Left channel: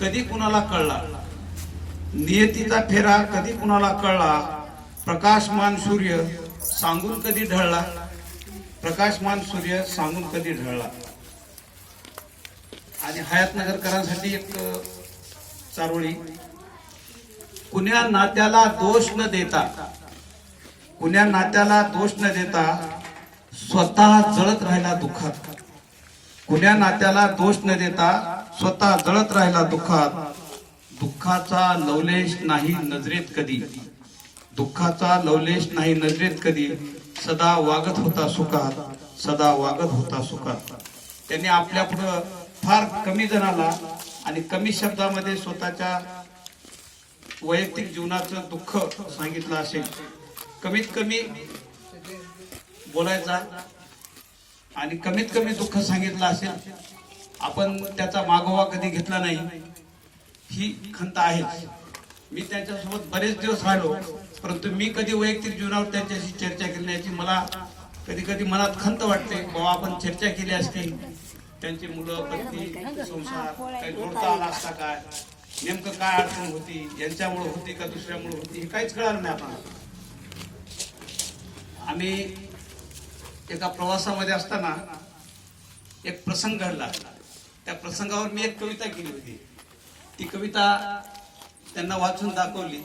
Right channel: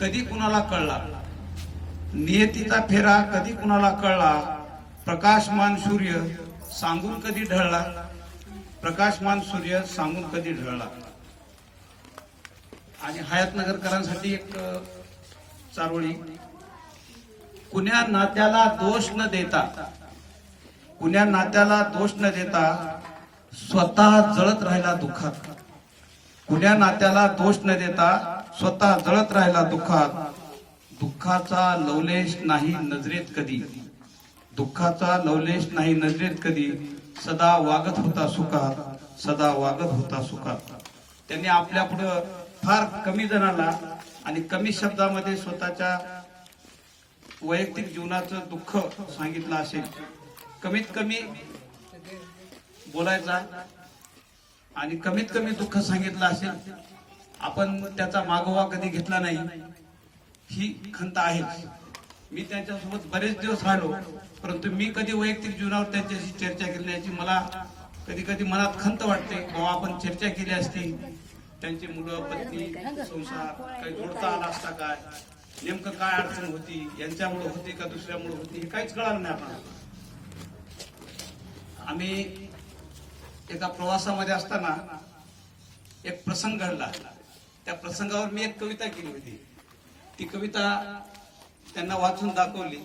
कधी कुणाला कळला? नियतीचा फेरा कधी कुणाला कळला? प्रकाशमान सूर्य सांगून कधी ढळला? प्रकाशमान सूर्य सांगून कधी ढळला? आणि हयातनगरकरांसाठी एक चारोळी. कुण्या नात्याला दोष न देता कुण्या नात्याला दोष न देता स्वतः जळत राहिला दुःखात. कुण्या नात्याला दोष न देता स्वतः जळत राहिला दुःखात. दुःखाचा लवलेश नाही नजरेत कधी. दुःखाचा लवलेश नाही नजरेत कधी. सदा वागत होता सुखात. सदा वागत होता सुखात. त्यांनी आपल्या पुढं फार कमी जणाला आणि कमी शब्दामध्ये स्वतःच्या वैयक्तिक जीवनाचं दुःख सांगितलं असेल. कमीत कमी बोलायचा आणि कमीत कमी दुःख सांगितलं असेल. आपण त्याचा मागोवा कधी घेतला नाही ही खंत आहे मी त्यांच्यासोबत बरेच दिवस राहिलो परंतु मी कधी वैयक्तिक जीवनावर त्यांच्याशी चर्चा केली नाही याची मला कधी कधी मनात खंत वाटते बाबा आपण चर्चा केली असती त्यांची मुलं पत्नी संसार काही जोडता आला असता काय नेमकं काय अडचण होती यांच्यामुळे होती का दुसऱ्यामुळे होती हे काहीच कळालं नाही आपण आम्ही एका प्रवासामध्ये असताना एक प्रसंग घडला. त्या प्रसंगावर मी एक कविता केली होती. ती कविता त्यांना वाचून दाखवली.